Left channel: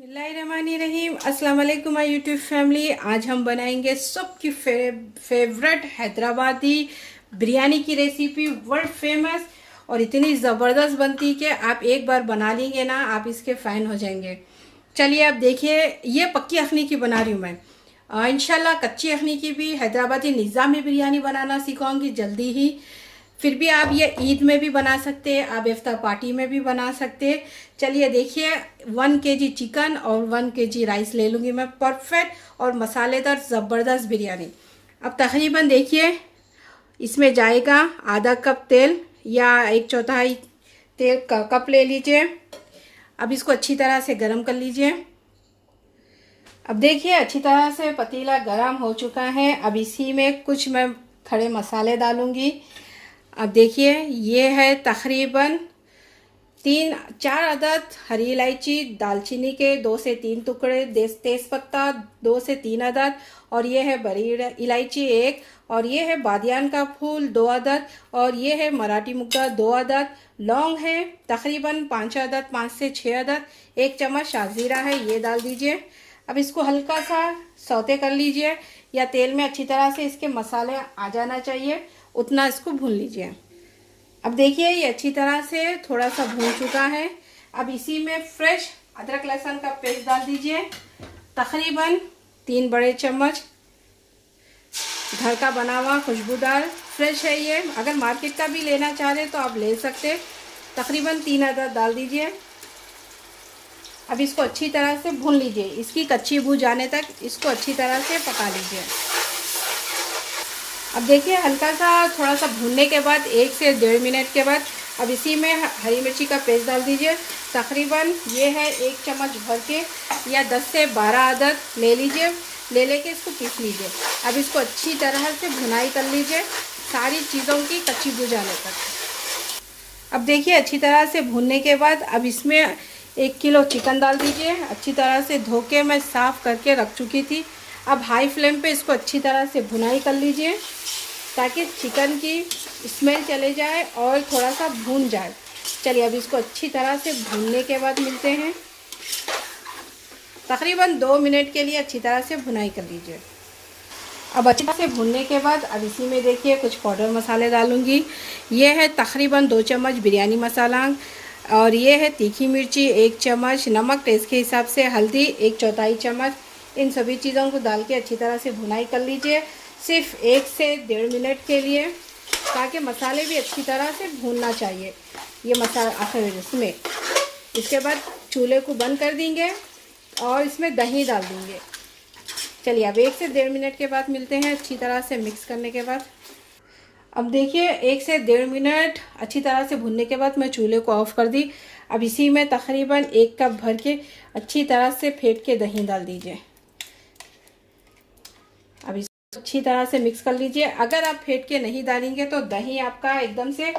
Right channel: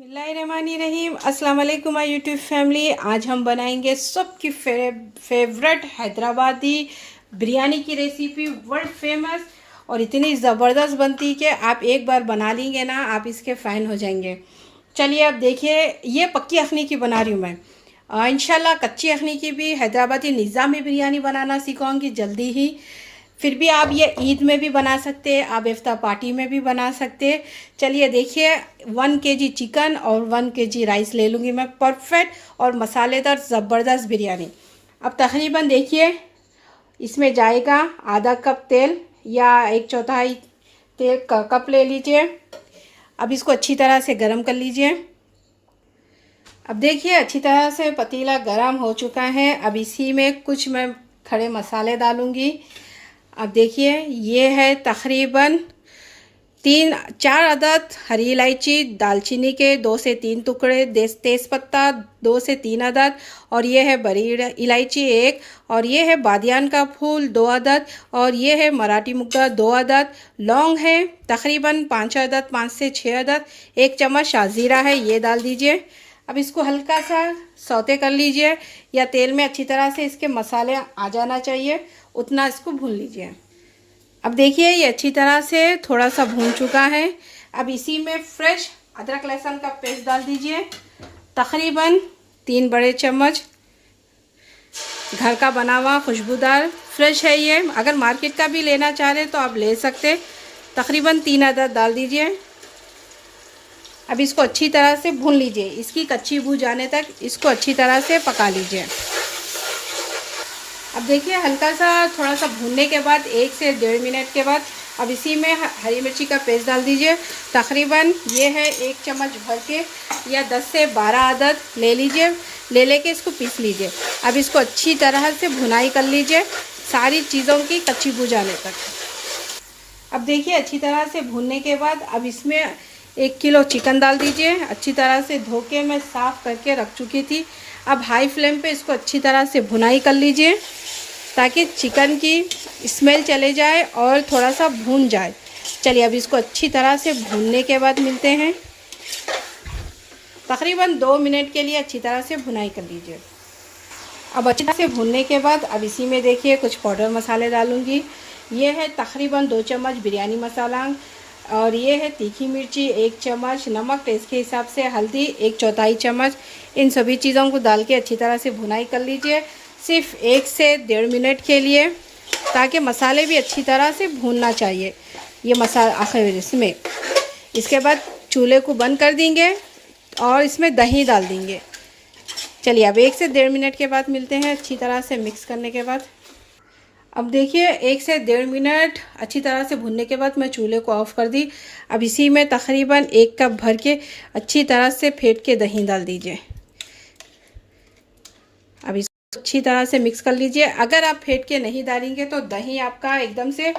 बिस्मिल्लाहिर्रहमानिर्रहीम। अस्सलाम वालेकुम माय यूट्यूब फैमिली। आज हम बनाएंगे सबकी फेवरेट हैदराबादी बिरयानी की रेसिपी, वर्ल्ड फेमस, और इतनी ज़बरदस्त बनती कि आप एक बार बना लेंगे ना, आप इसके फ़ैन हो जाएंगे। चलिए अब देखिए, ये पक्की अखनी की बना रही हूँ मैं। इंशाल्लाह कच्ची अखनी की भी हैदराबादी निज़ामी बिरयानी बनाना सिखाऊंगी जल्दी ही। फिर भी आप ये ईद में भी बना सकते हैं, आप इफ्तार पार्टी में भी बना सकते हैं। चलिए देखिए, 1 kg चिकन और 1 kg राइस ले लूँगी मैं, परफेक्ट और मसालेदार ज़बरदस्त बिरयानी। अब तकरीबन देखिए, इसमें जाएगा आधा कप तेल या 1/4 तेल का कप ले लीजिए। अब इसको अच्छी तरह से गर्म कर लीजिए। अब देखिए अच्छी तरह से पतीला गर्म हो चुका है। अब इसी में कुछ मैं खड़े मसाले डालूँगी। अब देखिए, ये है तकरीबन 3-4 अदद हरी इलायची, दालचीनी के 2 से 3 टुकड़े, तेज़पत्ता 2 से 3 अदद, और ये है बड़ी इलायची 1, और ये है बादियान का फूल 2 अदद, और ये है मराठी मुग्गा 2 अदद। लौंग है तकरीबन 5 अदद, 5 से 6 अदद। 1 चम्मच शाज़ीरा है, ये डाल दीजिए। अब इसको हल्का सा सौते कर लीजिए, या तेल में अच्छी तरह से इसके मसाले आ जाना चाहिए, उतना इसको भून लीजिए। अब देखिए, ये अच्छी तरह से थोड़ा सा भून चुका है। अब इसी में फ्रेश अदरक लहसुन का पेस्ट डाल दीजिए, तकरीबन 3 बड़े चम्मच। घर का बना हुआ खुशबूदार फ्रेश है ये, अगर मार्केट का भी लेना चाह रहे तो आप ले सकते। तकरीबन 3 अदद डाल दीजिए। अब इसको अच्छी तरह से भून लीजिए, इसकी कच्ची बू जाने तक इसको अच्छी तरह से पका लीजिए। अब देखिए, हल्का सा थोड़ा सा भूनने के बाद 1 से 1.5 मिनट के बाद अब इसी में हरी मिर्ची का पेस्ट डाल दीजिए। तकरीबन ये है 1 चम्मच भर के, या 10 से 12 अदद ले लीजिए। लेके इसको पीस लीजिए। अब इसको अच्छी तरह से भुनाई कर लीजिए, सारी चीज़ों की कच्ची बू जाने तक। अब देखिए, अच्छी तरह से भूनने के बाद अब इसमें 1 किलो चिकन डाल दीजिए। अच्छी तरह से धो के मैं साफ़ करके रख चुकी थी। अब हाई फ्लेम पे इसको अच्छी तरह से भुनाई कर लीजिए, ताकि चिकन की स्मेल चले जाए और थोड़ा सा भून जाए। चलिए अब इसको अच्छी तरह से भूनने के बाद मिलते हैं। तकरीबन 2 मिनट के लिए अच्छी तरह से भुनाई कर लीजिए। अब अच्छी तरह से भूनने के बाद अब इसी में देखिए कुछ पाउडर मसाले डालूँगी। ये है तकरीबन 2 चम्मच बिरयानी मसाला, और ये है तीखी मिर्ची 1 चम्मच, नमक टेस्ट के हिसाब से, हल्दी 1/4 चम्मच। इन सभी चीज़ों को डाल के अच्छी तरह से भुनाई कर लीजिए, सिर्फ 1 से 1.5 मिनट के लिए, ताकि मसाले भी अच्छी तरह से भूनना चाहिए ये मसाला आखिर इसमें। इसके बाद चूल्हे को बंद कर देंगे और इसमें दही डाल देंगे। चलिए अब 1 से 1.5 मिनट के बाद मिलते हैं, अच्छी तरह से मिक्स करने के बाद। अब देखिए, 1 से 1.5 मिनट अच्छी तरह से भुनने के बाद मैं चूल्हे को ऑफ़ कर दी। अब इसी में तकरीबन 1 कप भर के अच्छी तरह से फेंट के दही डाल दीजिए। अब इसको अच्छी तरह से मिक्स कर लीजिए। अगर आप फेंट के नहीं डालेंगे तो दही आपका एकदम से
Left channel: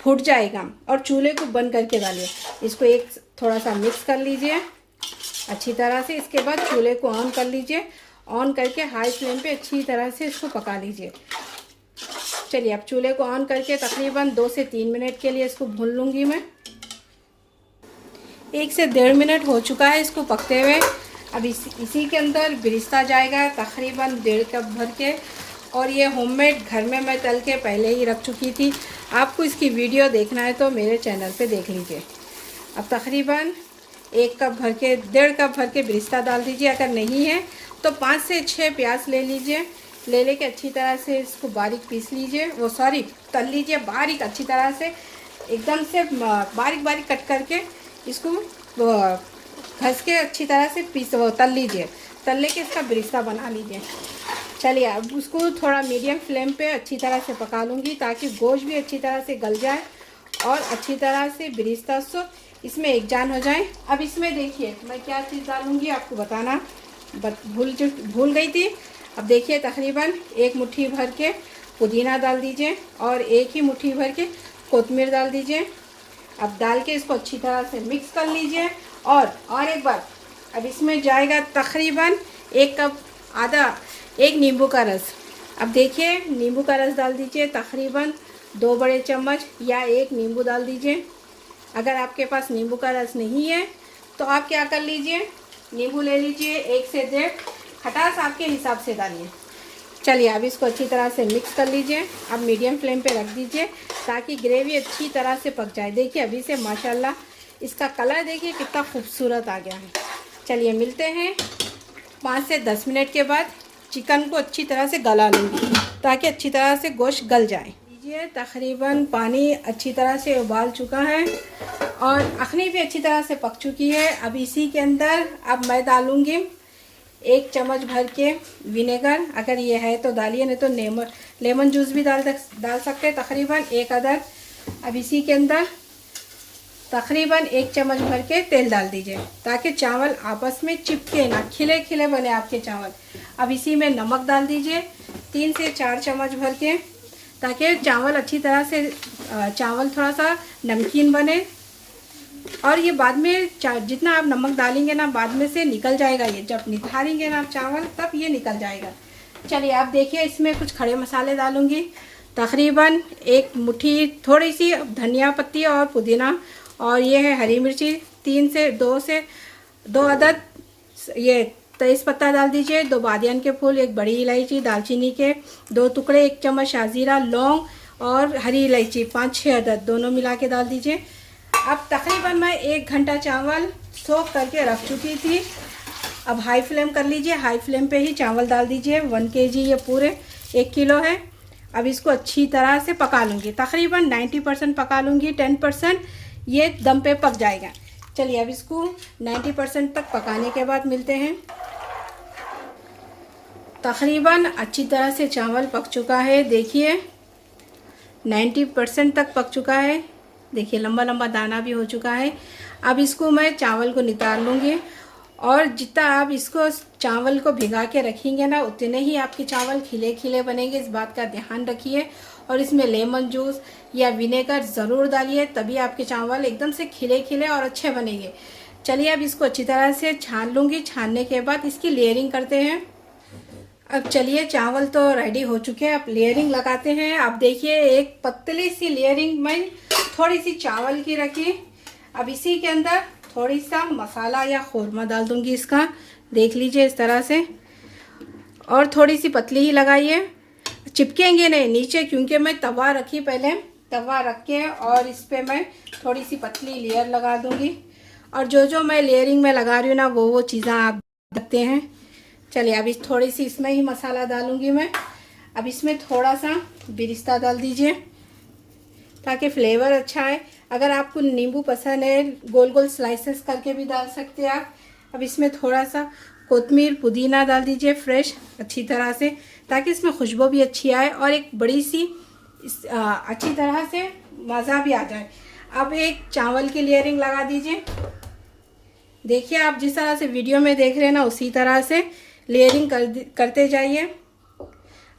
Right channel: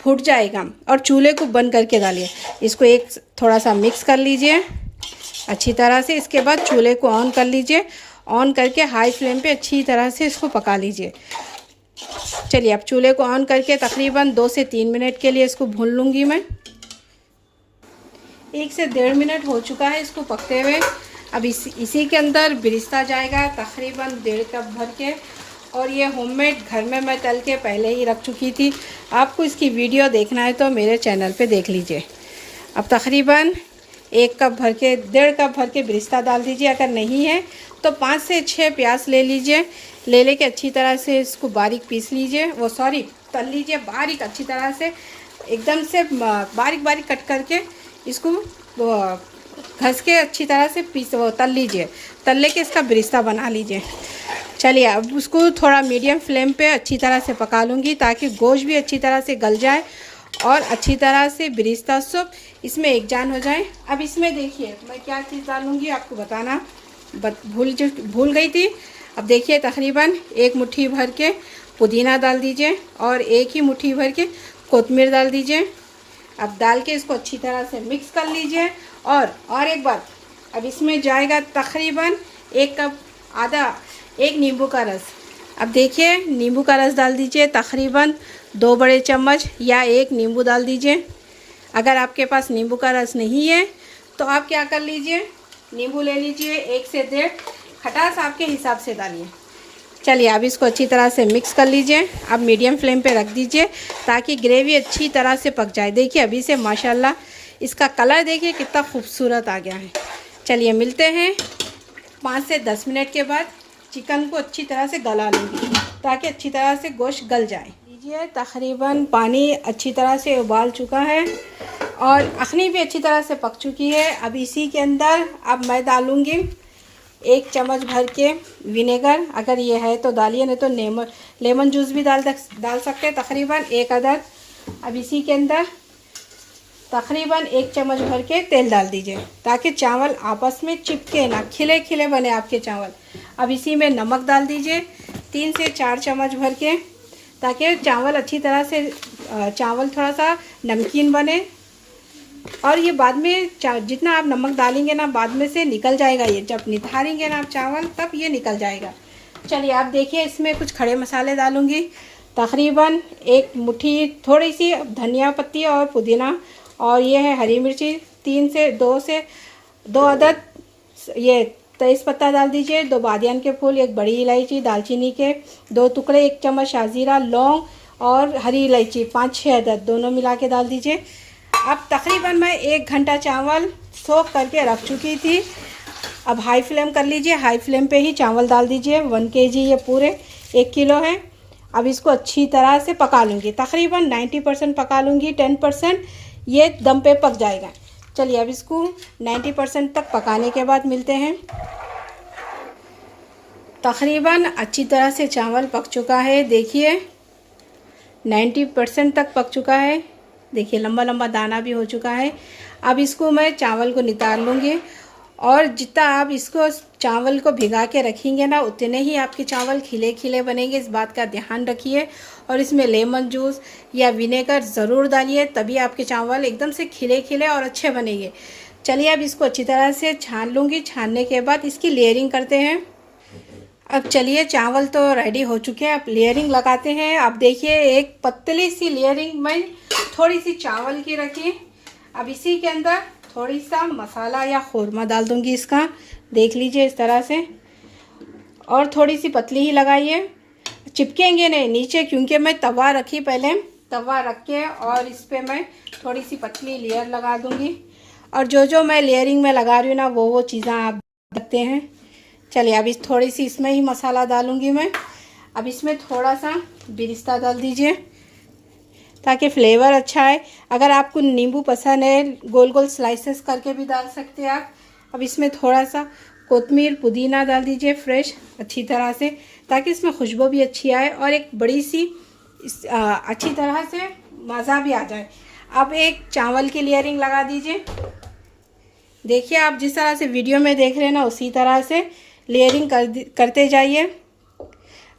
फूट जाएगा, और चूल्हे को बंद करके डालिए। इसको थोड़ा सा मिक्स कर लीजिए अच्छी तरह से। इसके बाद चूल्हे को ऑन कर लीजिए, ऑन करके हाई फ्लेम पे अच्छी तरह से इसको पका लीजिए। चलिए अब चूल्हे को ऑन करके तकरीबन 2 से 3 मिनट के लिए इसको भून लूँगी मैं। 1 से 1.5 मिनट हो चुका है इसको पकते हुए। अब इसी के अंदर बिरिस्ता जाएगा तकरीबन 1.5 कप भर के, और ये होममेड घर में मैं तल के पहले ही रख चुकी थी। आपको इसकी वीडियो देखना है तो मेरे चैनल पे देख लीजिए। अब तकरीबन 1 कप भर के 1.5 कप भर के बिरिस्ता डाल दीजिए। अगर नहीं है तो 5 से 6 प्याज ले लीजिए। लेके अच्छी तरह से इसको बारीक पीस लीजिए, तल लीजिए बारीक, अच्छी तरह से एकदम से बारीक कट करके इसको घस के अच्छी तरह से तल लीजिए। तल लेके इसका बिरिस्ता बना लीजिए। चलिए अब उसको थोड़ा मीडियम फ्लेम पे अच्छी तरह से पका लूँगी, ताकि गोश्त भी अच्छी तरह से गल जाए और अच्छी तरह से बिरिस्ता सब इसमें एक जान हो जाए। अब इसमें देखिए मैं क्या चीज़ डालूँगी आपको बताना भूल गई थी। अब देखिए, तकरीबन 1 मुट्ठी भर के पुदीना डाल दीजिए, और 1 ही मुट्ठी भर के कोतमीर डाल दीजिए। अब डाल के इसको अच्छी तरह से मिक्स कर लीजिए। और एक बार अब इसमें जाएगा तकरीबन 1 कप आधा 1 नींबू का रस। अब देखिए, नींबू का रस डाल दीजिए, तकरीबन 2 बड़े चम्मच या 1 नींबू डाल दीजिए। अगर आपके पास नींबू का रस नहीं है तो आप क्या कर लीजिए, नींबू ले लीजिए, 1 से 1.5, खटास आपके हिसाब से डालिए। चलिए अब इसको अच्छी तरह से मिक्स कर लीजिए। अब मीडियम फ्लेम पे रख दीजिए ताकि ग्रेवी अच्छी तरह से पक जाए। देखिए अभी से माशाल्लाह इसका कलर देखिए कितना खूबसूरत आ गया है। चलिए मिलते हैं 5 से 10 मिनट के बाद। चिकन को अच्छी तरह से गला लूँगी ताकि अच्छी तरह से गोश्त गल जाए। लीजिए तकरीबन पानी अच्छी तरह से उबाल चुका है और अखनी भी अच्छी तरह से पक चुकी है। अब इसी के अंदर अब मैं डालूँगी 1 चम्मच भर के विनेगर, अगर ये है तो डालिए, नहीं तो लेमन जूस भी डाल सकते हैं, तकरीबन 1 अदद। अब इसी के अंदर तकरीबन 1 चम्मच भर के तेल डाल दीजिए ताकि चावल आपस में चिपके ना, खिले खिले बने आपके चावल। अब इसी में नमक डाल दीजिए 3 से 4 चम्मच भर के, ताकि चावल अच्छी तरह से चावल थोड़ा सा नमकीन बने। और ये बाद में जितना आप नमक डालेंगे ना बाद में से निकल जाएगा, ये जब निथारेंगे ना आप चावल तब ये निकल जाएगा। चलिए आप देखिए इसमें कुछ खड़े मसाले डालूँगी, तकरीबन 1 मुट्ठी थोड़ी सी धनिया पत्ती और पुदीना, और ये है हरी मिर्ची 3 से 2 अदद, ये तेज़ पत्ता डाल दीजिए, 2 बादियान के फूल, 1 बड़ी इलायची, दालचीनी के 2 टुकड़े, 1 चम्मच शाजीरा, लौंग और हरी इलायची 5-6 अदद दोनों मिला के डाल दीजिए। अब तकरीबन मैं 1 घंटा चावल सोख करके रख चुकी थी। अब हाई फ्लेम कर लीजिए, हाई फ्लेम पे ही चावल डाल दीजिए। 1 kg ये पूरे 1 किलो है। अब इसको अच्छी तरह से पका लूँगी, तकरीबन 90% पका लूँगी, 10% ये दम पे पक जाएगा। चलिए अब इसको 90% तक पकाने के बाद मिलते हैं। तकरीबन अच्छी तरह से चावल पक चुका है, देखिए 90% तक पक चुका है। देखिए लंबा लंबा दाना भी हो चुका है। अब इसको मैं चावल को निकाल लूँगी, और जितना आप इसको चावल को भिगा के रखेंगे ना उतने ही आपके चावल खिले खिले बनेंगे, इस बात का ध्यान रखिए। और इसमें लेमन जूस या विनेगर ज़रूर डालिए, तभी आपके चावल एकदम से खिले खिले और अच्छे बनेंगे। चलिए अब इसको अच्छी तरह से छान लूँगी। छानने के बाद इसकी लेयरिंग करते हैं। अब चलिए चावल तो रेडी हो चुके हैं, अब लेयरिंग लगाते हैं। अब देखिए एक पतली सी लेयरिंग में थोड़ी सी चावल की रखी। अब इसी के अंदर थोड़ी सा मसाला या खुरमा डाल दूंगी इसका, देख लीजिए इस तरह से, और थोड़ी सी पतली ही लगाइए, चिपकेंगे नहीं नीचे, क्योंकि मैं तवा रखी पहले, तवा रख के और इस पर मैं थोड़ी सी पतली लेयर लगा दूंगी। और जो मैं लेयरिंग में लगा रही हूँ ना वो चीज़ें आप देखते हैं। चलिए अब इस थोड़ी सी इसमें ही मसाला डालूंगी मैं। अब इसमें थोड़ा सा बिरिस्ता डाल दीजिए ताकि फ्लेवर अच्छा है। अगर आपको नींबू पसंद है गोल गोल स्लाइसेस करके भी डाल सकते हैं आप। अब इसमें थोड़ा सा कोतमीर पुदीना डाल दीजिए फ्रेश अच्छी तरह से, ताकि इसमें खुशबू भी अच्छी आए और एक बड़ी सी अच्छी तरह से मज़ा भी आ जाए। अब एक चावल की लेयरिंग लगा दीजिए। देखिए आप जिस तरह से वीडियो में देख रहे हैं ना उसी तरह से लेयरिंग करते जाइए।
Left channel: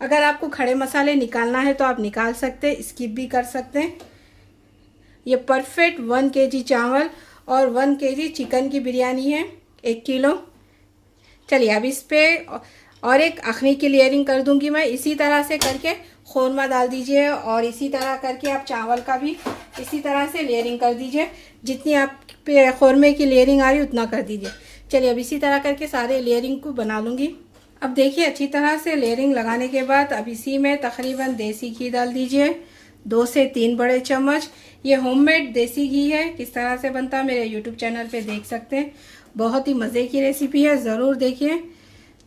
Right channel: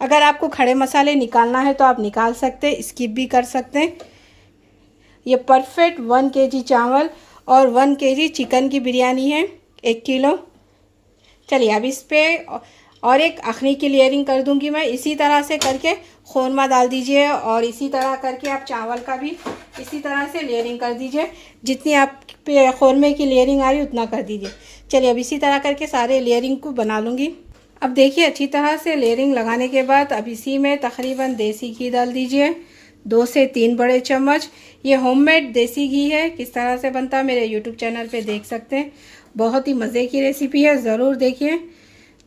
अगर आपको खड़े मसाले निकालना है तो आप निकाल सकते हैं, स्किप भी कर सकते हैं। ये परफेक्ट 1 kg चावल और 1 kg चिकन की बिरयानी है, 1 किलो। चलिए अब इस पर और एक अखनी की लेयरिंग कर दूंगी मैं। इसी तरह से करके खोरमा डाल दीजिए और इसी तरह करके आप चावल का भी इसी तरह से लेयरिंग कर दीजिए। जितनी आप पे खोरमे की लेयरिंग आ रही है उतना कर दीजिए। चलिए अब इसी तरह करके सारे लेयरिंग को बना लूँगी। अब देखिए अच्छी तरह से लेयरिंग लगाने के बाद अब इसी में तकरीबन देसी घी डाल दीजिए, 2 से 3 बड़े चम्मच। ये होममेड देसी घी है, किस तरह से बनता है मेरे यूट्यूब चैनल पे देख सकते हैं। बहुत ही मज़े की रेसिपी है, ज़रूर देखिए।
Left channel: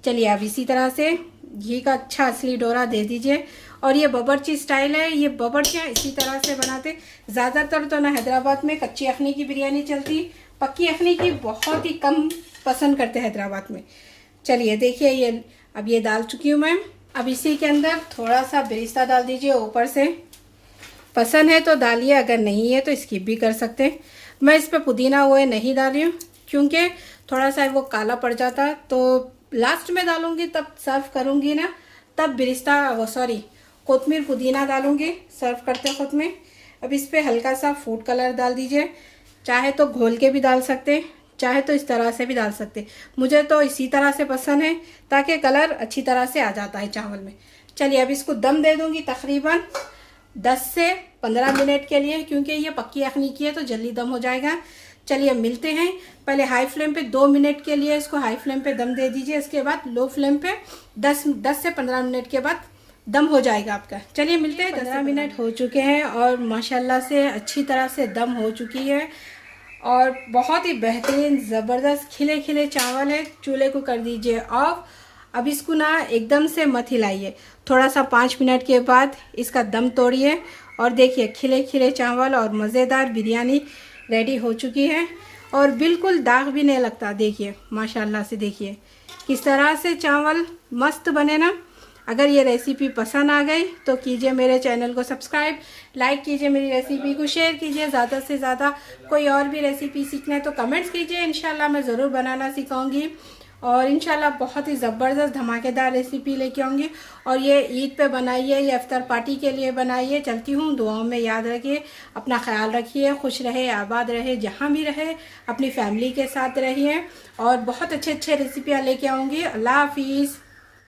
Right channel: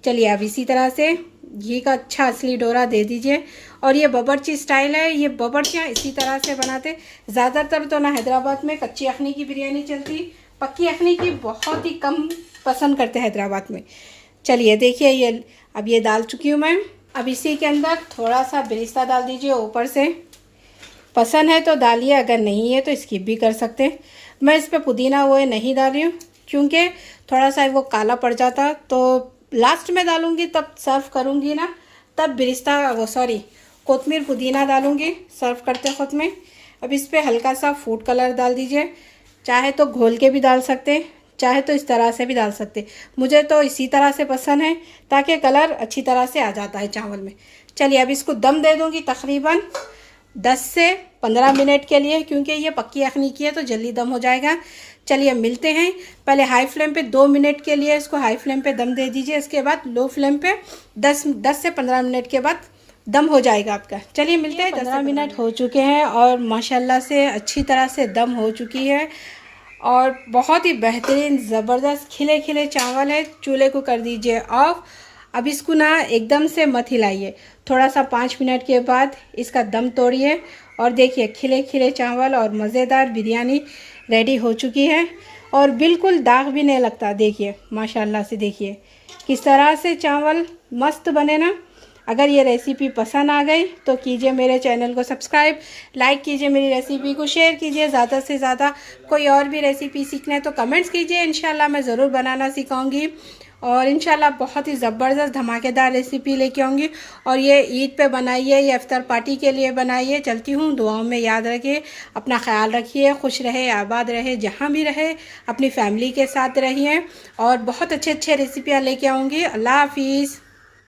चलिए अब इसी तरह से घी का अच्छा असली डोरा दे दीजिए। और ये बावर्ची स्टाइल है, ये बावर्चियाँ इसी तरह से बनाते। ज़्यादातर तो ना हैदराबाद में कच्ची अखनी की बिरयानी चलती, पक्की अखनी की बहुत ही कम पसंद करते हैदराबाद में। चलिए देखिए ये अब ये डाल चुकी हूँ मैं। अब इसी के अंदर थोड़ा सा बिरिस्ता डाल दीजिए ऊपर से, पसंद है तो डालिए, अगर नहीं है तो स्किप भी कर सकते हैं। मैं इस पर पुदीना वो नहीं डाली हूँ क्योंकि थोड़ा सा वो काला पड़ जाता, तो लास्ट में डालूँगी तब सर्व करूँगी ना, तब बिरिस्ता वो सॉरी कोतमीर पुदीना डालूँगी सर्व करते वक्त में। अब इस पर हल्का सा फूड कलर डाल दीजिए, चाहे तो घोल के भी डाल सकते, चाहे तो इस तरह से भी डाल सकते। मुझे तो इसी तरह से पसंद है ताकि कलर अच्छी तरह से आ जाता है चावल में। चलिए अब इसको दम दे दूँगी तकरीबन 10 से 15 मिनट के लिए, क्योंकि ये पक्की अखनी की है तो जल्दी दम हो जाएगा। चलिए मिलते हैं। पहले हाई फ्लेम पे 2 मिनट के लिए इसको हाई फ्लेम पे दम दे दीजिए, इसके बाद लो फ्लेम पे 10 से 15 मिनट के बाद दम हो जाएगा आपका। चलिए मिलते हैं। 15 मिनट हो चुके हैं और माशाल्लाह से अच्छी तरह से दम हो चुकी है और बहुत ही बेहतरीन ज़बरदस्त खिले खिले चावल है। चूल्हे को कर दीजिए ऑफ। अब इसको ना एकदम से मत हिलाइए, थोड़ा सा 5 मिनट के बाद इसका दम तोड़िए और देखिए खिले खिले चावल और मज़ेदार बिरयानी रेडी हो चुकी है और बिल्कुल दाग भी नहीं लगता। देखिए माशाल्लाह से, देखिए किस तरह से चावल मस्त बने ना। अगर ये रेसिपी पसंद आ गई तो कीजिए मेरे चैनल को सब्सक्राइब, लाइक कीजिए, मेरी रेसिपी को शेयर कीजिए ज़्यादा से ज़्यादा। कोई और भी रेसिपी सीखना है तो कमेंट्स कीजिए, इंशाल्लाह मैं ज़रूर बनाना सिखाऊंगी और इंशाल्लाह बहुत ही ज़बरदस्त धमाकेदार रेसिपी लेके आऊँगी। और ये ईद पे बनाइए, ये इफ्तार पार्टी के लिए बनाइए। चलती हूँ, दुआओं में याद रखिए, अपना ख्याल रखिए, खुश रहे, आबाद रहे, जहाँ भी रहे अपनी फैमिली के साथ रहिए और बहुत अच्छे अच्छे रेसिपियाँ लेके आऊँगी। अल्लाह हाफिज़।